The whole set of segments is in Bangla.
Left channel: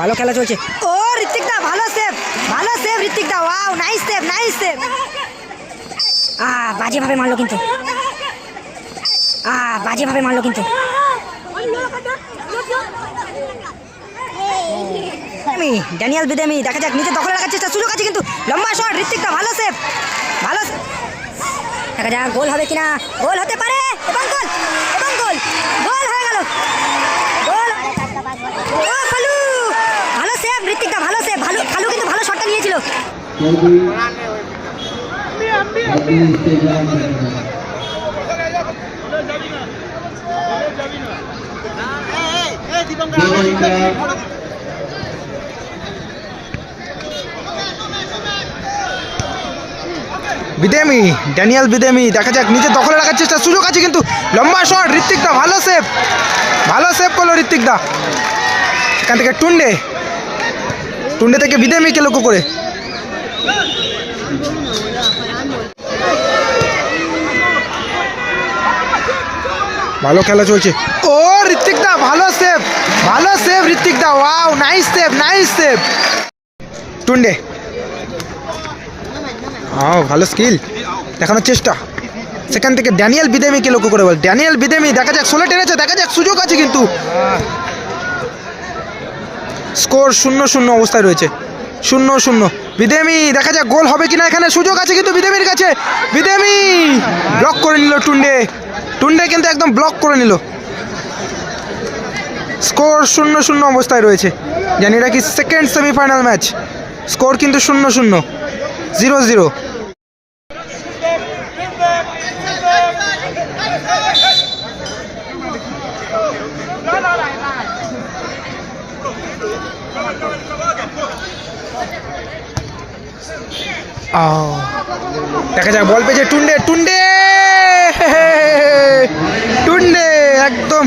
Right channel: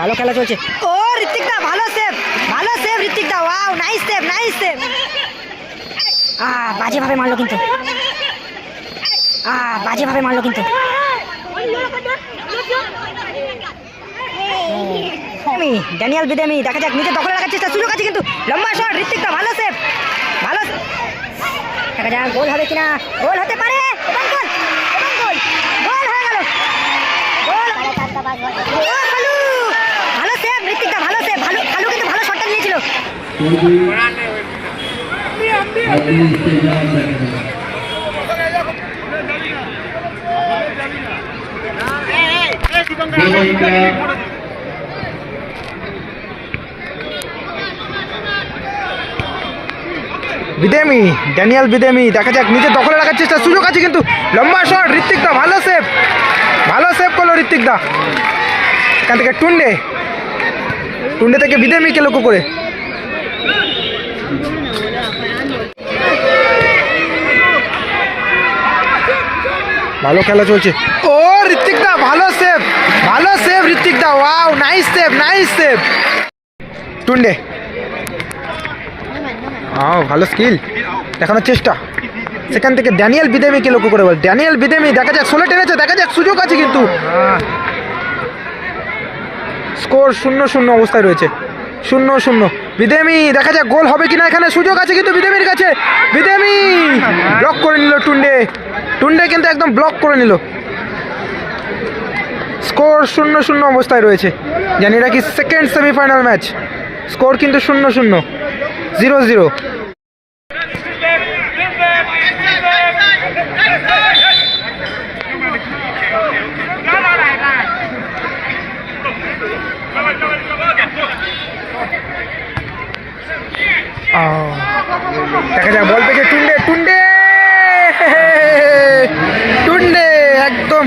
ভালো খেলা চলছে। ও ঋত্বিক দা ভালো সেভ ভালো সেভ ঋত্বিক দা wow nice save nice save আহ বাজেভাবে মারলো কিন্তু। আহ বাজেভাবে মারলো কিন্তু। ড্যানিয়াল বিদেমি, দেখা যাক, নিজে দখলে রাখার চেষ্টা সুযোগ আছে কিন্তু লম্বা শট দা ভালো সেভ ভালো দেখা যাক, গোল হবে কিনা? গোল হতে পারে গোল হয়ে গেল গোল ও, খালু! ভালো সেভ ঋত্বিক দা ভালো সেভ ভালো খালু কিন্তু ভালো শটটা নিয়েছিল বিদেমি, ড্যানিয়াল বিদেমি, দেখা যাক, নিজে দখলে রাখার চেষ্টা সুযোগ আছে কিন্তু লম্বা শট, ঋত্বিক দা, ভালো সেভ ভালো সেভ করল ঋত্বিক দা। এখান থেকে টুন্ডে টুন্ডে থেকে বিদেমিকে লক্ষ্য করে। ভালো খেলা চলছে। ও ঋত্বিক দা ভালো সেভ ভালো সেভ ঋত্বিক দা wow nice save nice save Tunde. হ্যাঁ ভালো স্কিল দেখানোর চেষ্টা। সেখান থেকে ড্যানিয়েল বিদেমিকে লক্ষ্য করে বল। ড্যানিয়েল বিদেমি, দেখা যাক, ষোলো টেনেছে, দেখা যাক, সুযোগ আছে কিন্তু। স্কোর শূন্য শূন্য অবস্থায় রয়েছে। শূন্য শূন্য। বিদেমি, দেখা যাক গোল হবে কিনা এখানে। সুযোগ আছে কিন্তু বিদেমির কাছে। বিদেমি ব্লক করে নিল টুন্ডে। টুন্ডে কিন্তু একদম ব্লক করে নিল। স্কোর শূন্য শূন্য অবস্থায় রয়েছে। জানি এটা কি সেকেন্ড সেমিফাইনাল ম্যাচ স্কোর কিন্তু শূন্য শূন্য। জিরো জিরো দেখা যাক, বল পেয়েছে টুন্ডে টুন্ডে! টুন্ডে, একদম।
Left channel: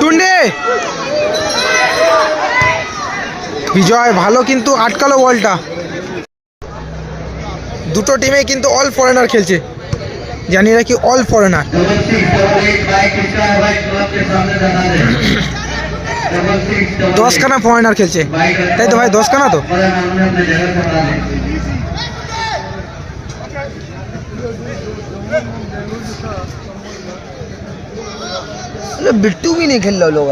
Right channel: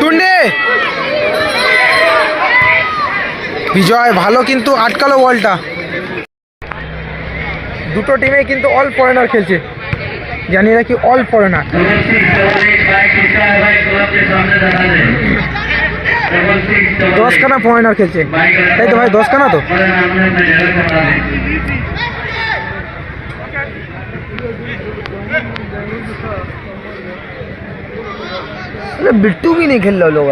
টুন্ডে! বিজয়, ভালো কিন্তু আটকালো বলটা। দুটো টিমে কিন্তু অল ফরেনার খেলছে। জানি না কি অল ফরেনার দশখানা ফরেনার খেলছে তাই তো ভাই দশখানা তো बिट्टू भी नहीं खेल रहा लोग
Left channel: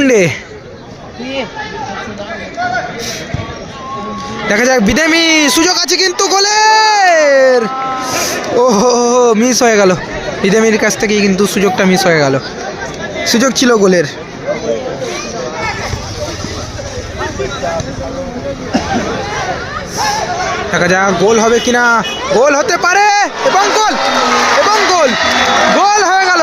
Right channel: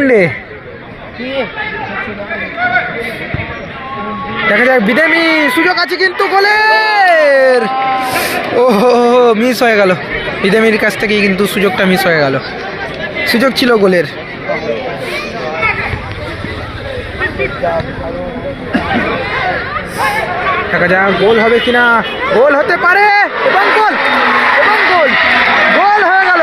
টুন্ডে দেখা যাক বিদেমি সুযোগ আছে কিন্তু গোলের। ও মিস হয়ে গেল। বিদেমির কাছ থেকে কিন্তু সুযোগটা মিস হয়ে গেল। সুযোগ ছিল গোলের। দেখা যাক গোল হবে কিনা। গোল হতে পারে এবং গোল এবং গোল। গোল হয়ে গোল।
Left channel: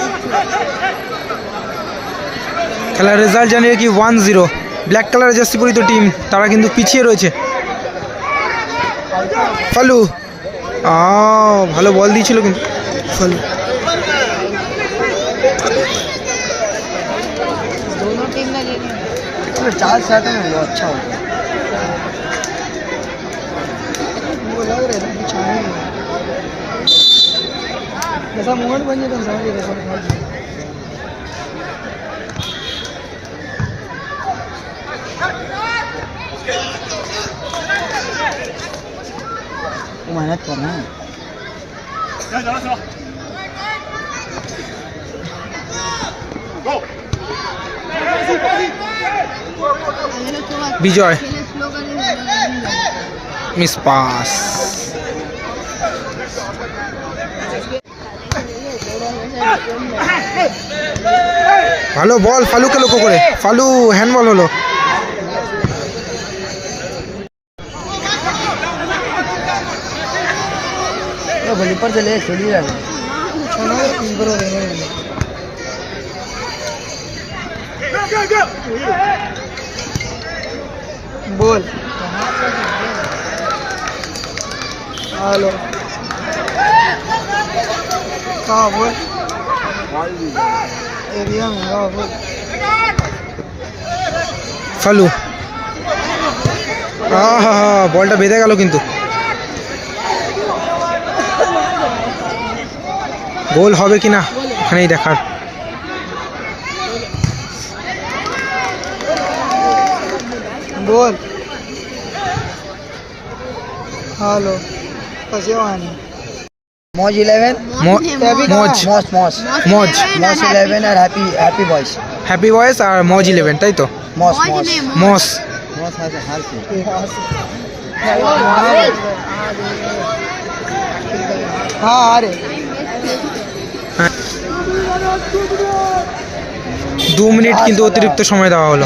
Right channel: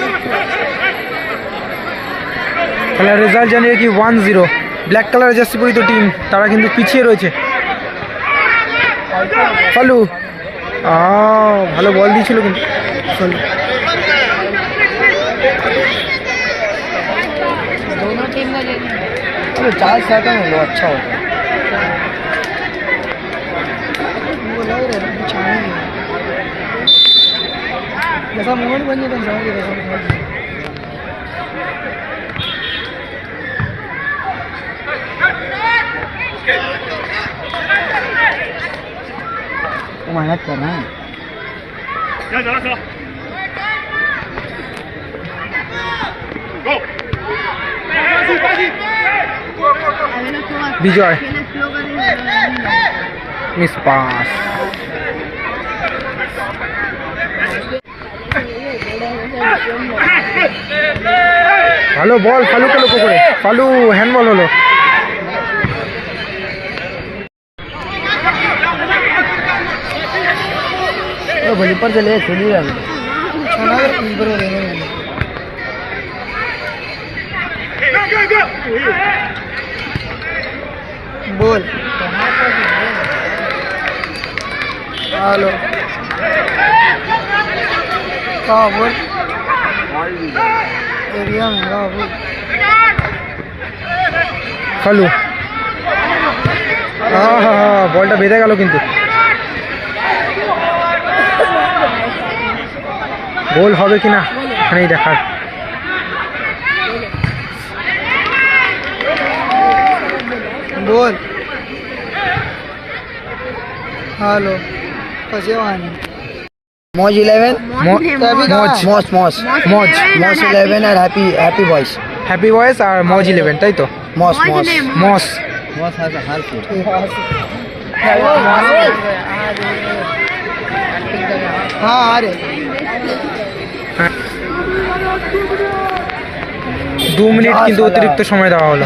খেলার রেজাল্ট জানিয়ে কি one zero black colour jersey পরিত team তারা কিন্তু পিছিয়ে রয়েছে ফালু আ ভালো বল দিয়েছিল কিন্তু ফালু दोनों टीम का लेने चार से आता ना लो अच्छा होता वो लग रहा है बिछाने में जैसा मोहन बनिए तो समझ বিজয় মিস পাস ভালো বল ফালুকে লক্ষ্য করে। ফালু হ্যান্ডবল হলো। ऊपर से ले चलिए अब बोल हेलो कहाँ बोल एरिया में कहाँ बोल ফালু আহা, বলটা বেঁধে গেল কিন্তু গোল হবে কিনা এখানেই দেখার बोल हेलो कसे वाणी मौज इलेवन मो- মজ मौज मौज মজ मौज इलेवन और हैप्पी हैप्पी बॉयज হ্যাপি বয়েস আর মজ ইলেভেন তাই তো मौज मौज मौज ने মস मौज हैज अ हाँ अरे দু মিনিট কিন্তু অতিরিক্ত সময় দেওয়া হলো।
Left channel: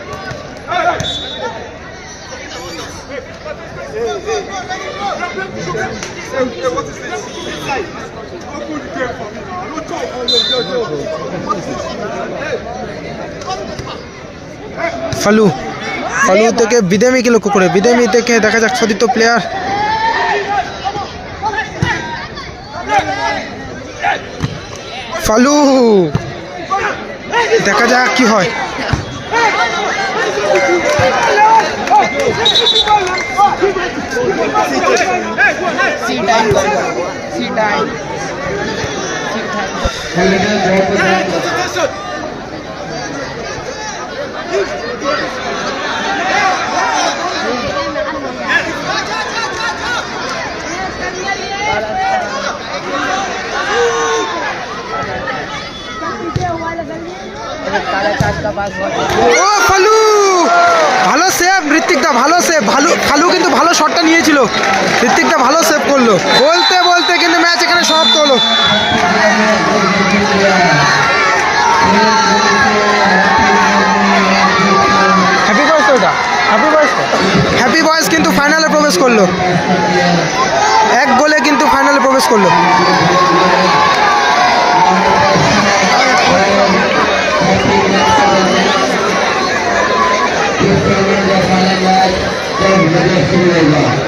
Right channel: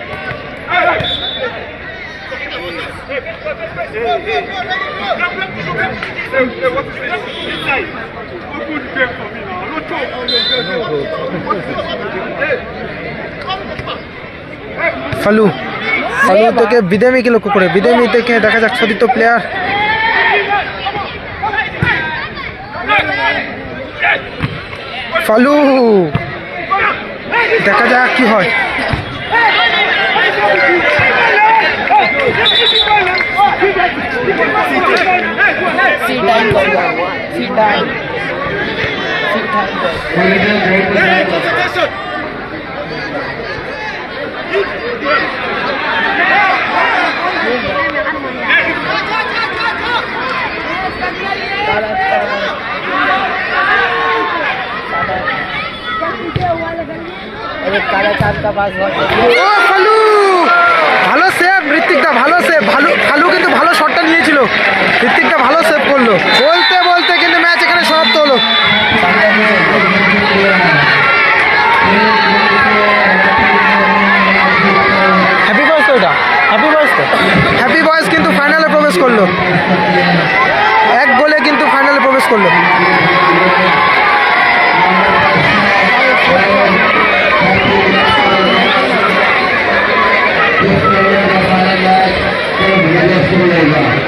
ফালু ফালু তোকে বিদেমিকে লক্ষ্য করে? বিদেমি তোকে দেখা যাক ছদিত প্লেয়ার ফালু, দেখা যাক কি হয়। सीट टाइम कर सीट टाइम सीट टाइम अरे काला चांद का पास ভালো সেভ ঋত্বিকদা, ভালো সেভ ভালো ভালো কিন্তু ভালো শটটা নিয়েছিল। ঋত্বিকদা ভালো সেভ করল। বলতে বলতে কিন্তু ম্যাচ এখানে সমাপ্ত হলো। ரசகுல்லா